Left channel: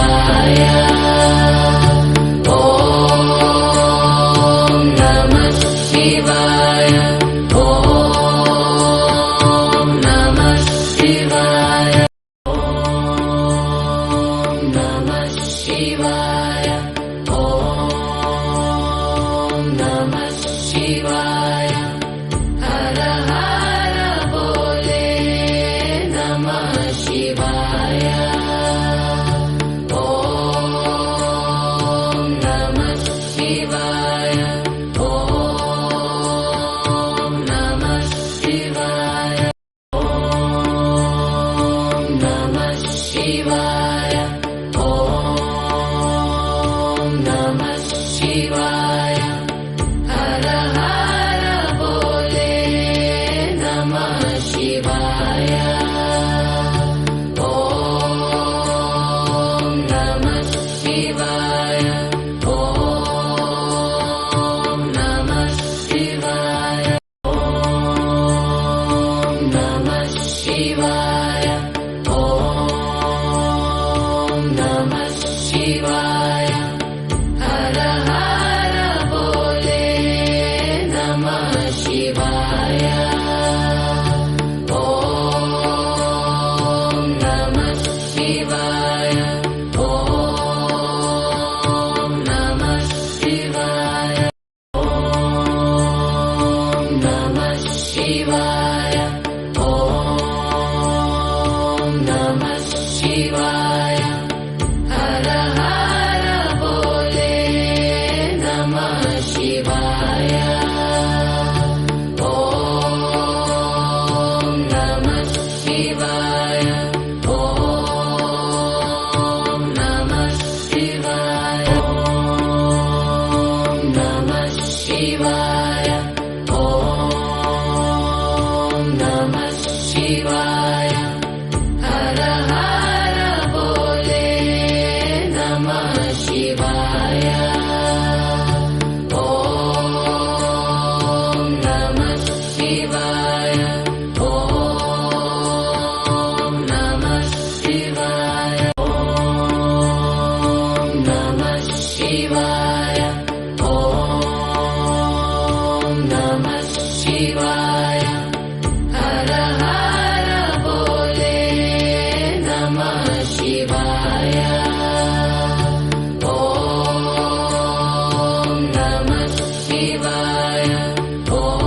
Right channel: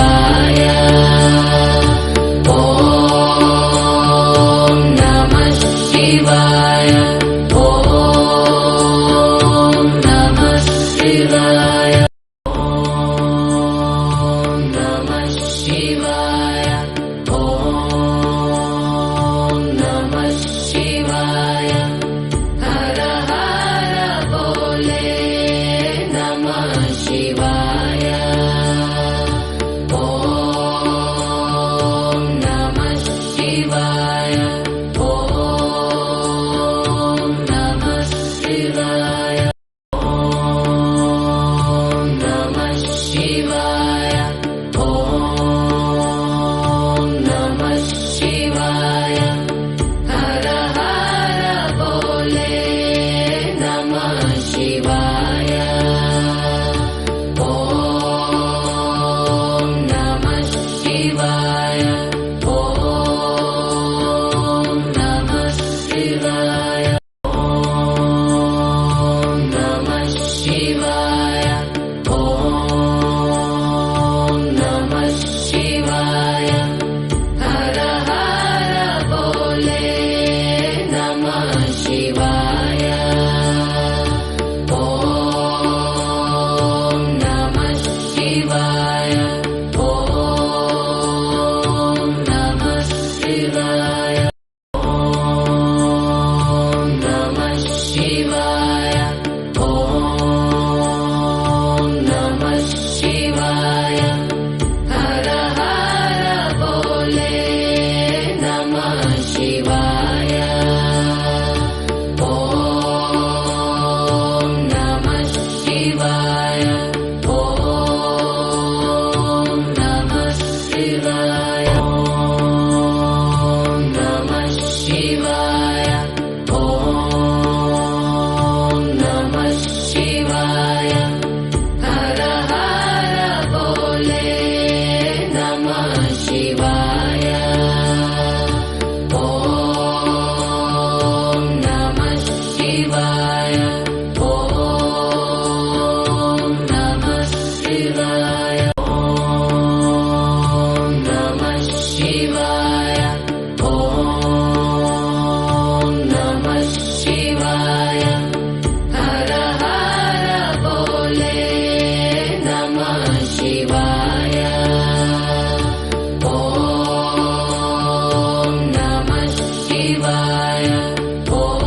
ಶಿವಾಯ. ಓಂ ನಮಃ ಶಿವಾಯ. ಓಂ ನಮಃ ಶಿವಾಯ. ಓಂ ನಮಃ ಶಿವಾಯ. ಓಂ ನಮಃ ಶಿವಾಯ. ಹರ ಹರ ಬೋಲೆ ನಮಃ ಶಿವಾಯ. ಓಂ ನಮಃ ಶಿವಾಯ. ಓಂ ನಮಃ ಶಿವಾಯ. ಓಂ ನಮಃ ಶಿವಾಯ. ಓಂ ನಮಃ ಶಿವಾಯ. ಹರ ಹರ ಬೋಲೆ ನಮಃ ಶಿವಾಯ. ಓಂ ನಮಃ ಶಿವಾಯ. ಓಂ ನಮಃ ಶಿವಾಯ. ಓಂ ನಮಃ ಶಿವಾಯ. ಓಂ ನಮಃ ಶಿವಾಯ. ಹರ ಹರ ಬೋಲೆ ನಮಃ ಶಿವಾಯ. ಓಂ ನಮಃ ಶಿವಾಯ. ಓಂ ನಮಃ ಶಿವಾಯ. ಓಂ ನಮಃ ಶಿವಾಯ. ಓಂ ನಮಃ ಶಿವಾಯ. ಹರ ಹರ ಬೋಲೆ ನಮಃ ಶಿವಾಯ. ಓಂ ನಮಃ ಶಿವಾಯ. ಓಂ ನಮಃ ಶಿವಾಯ. ಓಂ ನಮಃ ಶಿವಾಯ. ಓಂ ನಮಃ ಶಿವಾಯ. ಹರ ಹರ ಬೋಲೆ ನಮಃ ಶಿವಾಯ. ಓಂ ನಮಃ ಶಿವಾಯ. ಓಂ ನಮಃ ಶಿವಾಯ. ಓಂ ನಮಃ ಶಿವಾಯ. ಓಂ ನಮಃ ಶಿವಾಯ. ಹರ ಹರ ಬೋಲೆ ನಮಃ ಶಿವಾಯ. ಓಂ ನಮಃ ಶಿವಾಯ. ಓಂ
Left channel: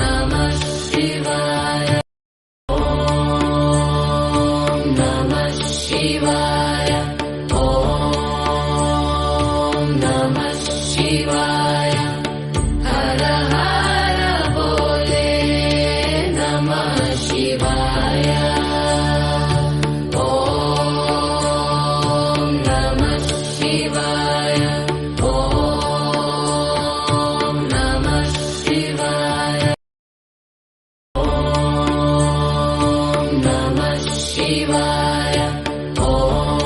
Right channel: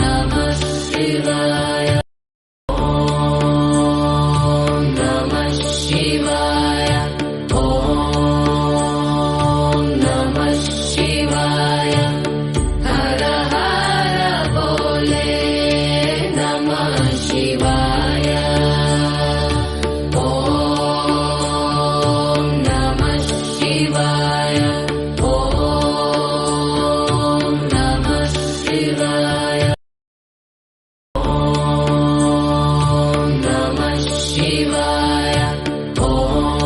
ನಮಃ ಶಿವಾಯ. ಓಂ ನಮಃ ಶಿವಾಯ. ಓಂ ನಮಃ ಶಿವಾಯ. ಹರ ಹರ ಬೋಲೆ ನಮಃ ಶಿವಾಯ. ಓಂ ನಮಃ ಶಿವಾಯ. ಓಂ ನಮಃ ಶಿವಾಯ. ಓಂ ನಮಃ ಶಿವಾಯ. ಓಂ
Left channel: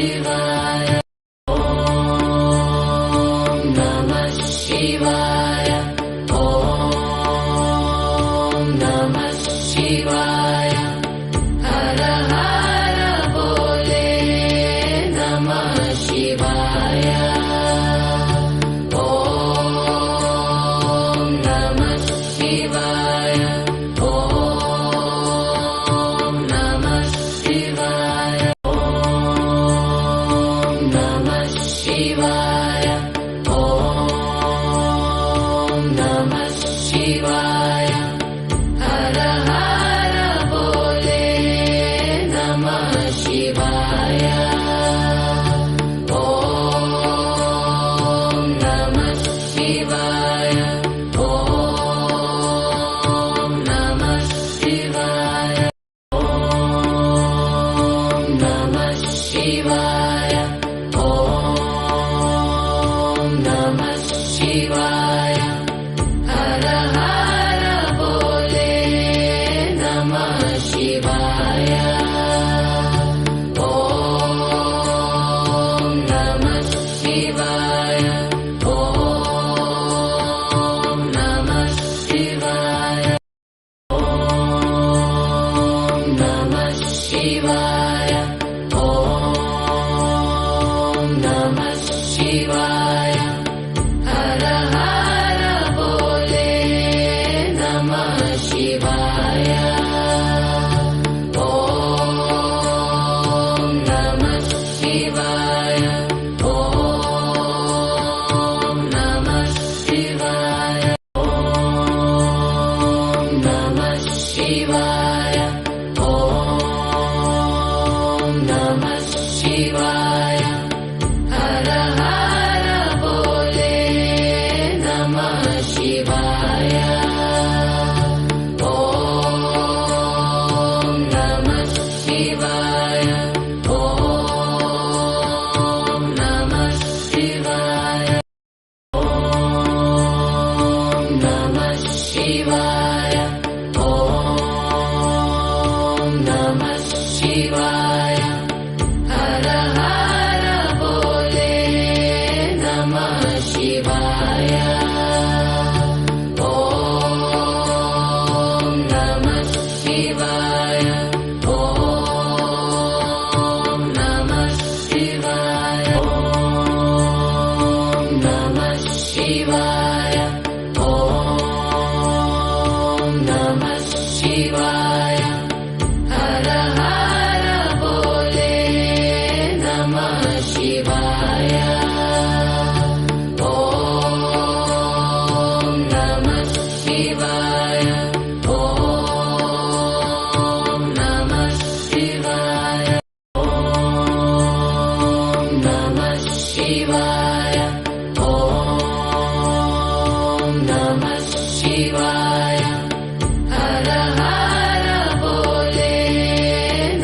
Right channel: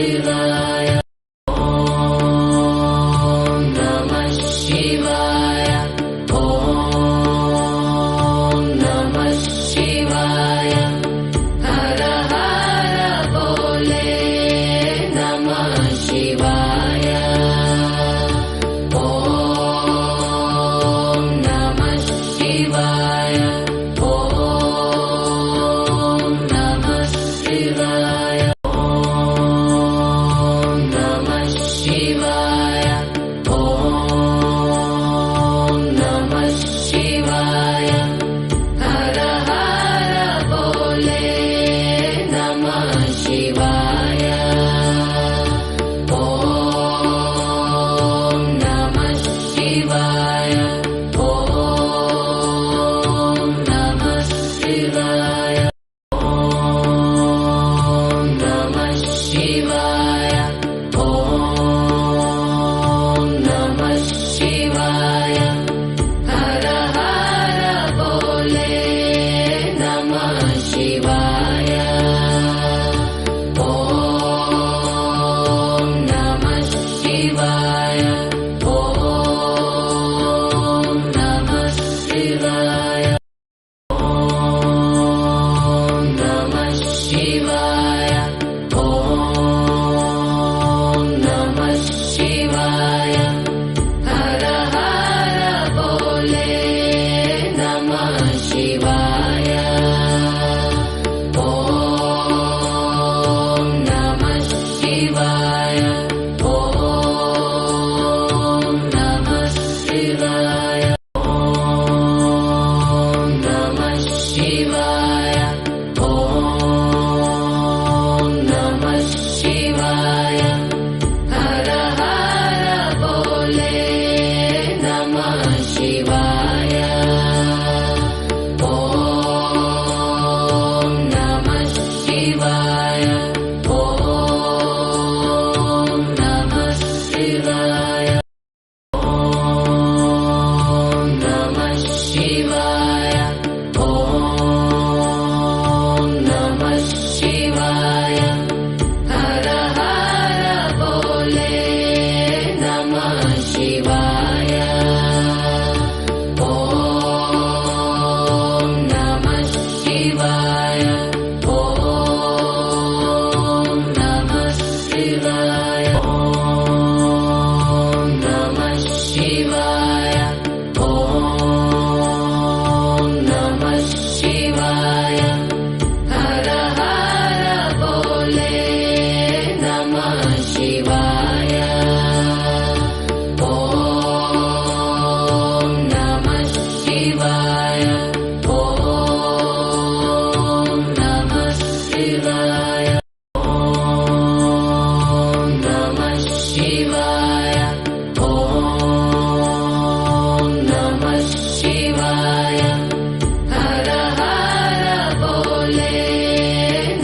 ಶಿವಾಯ ಓಂ ನಮಃ ಶಿವಾಯ ಓಂ ನಮಃ ಶಿವಾಯ ಹರ ಹರ ಬೋಲೆ ನಮಃ ಶಿವಾಯ ಓಂ ನಮಃ ಶಿವಾಯ ಓಂ ನಮಃ ಶಿವಾಯ ಓಂ ನಮಃ ಶಿವಾಯ ಓಂ ನಮಃ ಶಿವಾಯ ಹರ ಹರ ಬೋಲೆ ನಮಃ ಶಿವಾಯ ಓಂ ನಮಃ ಶಿವಾಯ ಓಂ ನಮಃ ಶಿವಾಯ ಓಂ ನಮಃ ಶಿವಾಯ ಓಂ ನಮಃ ಶಿವಾಯ ಹರ ಹರ ಬೋಲೆ ನಮಃ ಶಿವಾಯ ಓಂ ನಮಃ ಶಿವಾಯ ಓಂ ನಮಃ ಶಿವಾಯ ಓಂ ನಮಃ ಶಿವಾಯ ಓಂ ನಮಃ ಶಿವಾಯ ಹರ ಹರ ಬೋಲೆ ನಮಃ ಶಿವಾಯ ಓಂ ನಮಃ ಶಿವಾಯ ಓಂ ನಮಃ ಶಿವಾಯ ಓಂ ನಮಃ ಶಿವಾಯ ಓಂ ನಮಃ ಶಿವಾಯ ಹರ ಹರ ಬೋಲೆ ನಮಃ ಶಿವಾಯ ಓಂ ನಮಃ ಶಿವಾಯ ಓಂ ನಮಃ ಶಿವಾಯ ಓಂ ನಮಃ ಶಿವಾಯ ಓಂ ನಮಃ ಶಿವಾಯ ಹರ ಹರ ಬೋಲೆ ನಮಃ ಶಿವಾಯ ಓಂ ನಮಃ ಶಿವಾಯ ಓಂ ನಮಃ ಶಿವಾಯ ಓಂ ನಮಃ ಶಿವಾಯ ಓಂ ನಮಃ ಶಿವಾಯ ಹರ ಹರ ಬೋಲೆ ನಮಃ ಶಿವಾಯ ಓಂ ನಮಃ ಶಿವಾಯ ಓಂ ನಮಃ ಶಿವಾಯ ಓಂ ನಮಃ ಶಿವಾಯ ಓಂ ನಮಃ ಶಿವಾಯ ಹರ ಹರ ಬೋಲೆ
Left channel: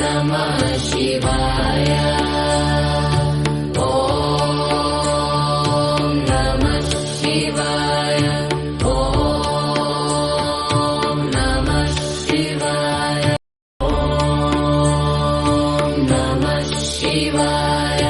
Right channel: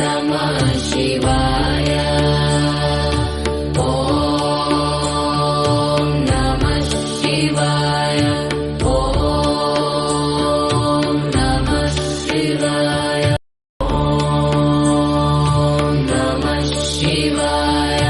ನಮಃ ಶಿವಾಯ ಓಂ ನಮಃ ಶಿವಾಯ ಓಂ ನಮಃ ಶಿವಾಯ ಓಂ ನಮಃ ಶಿವಾಯ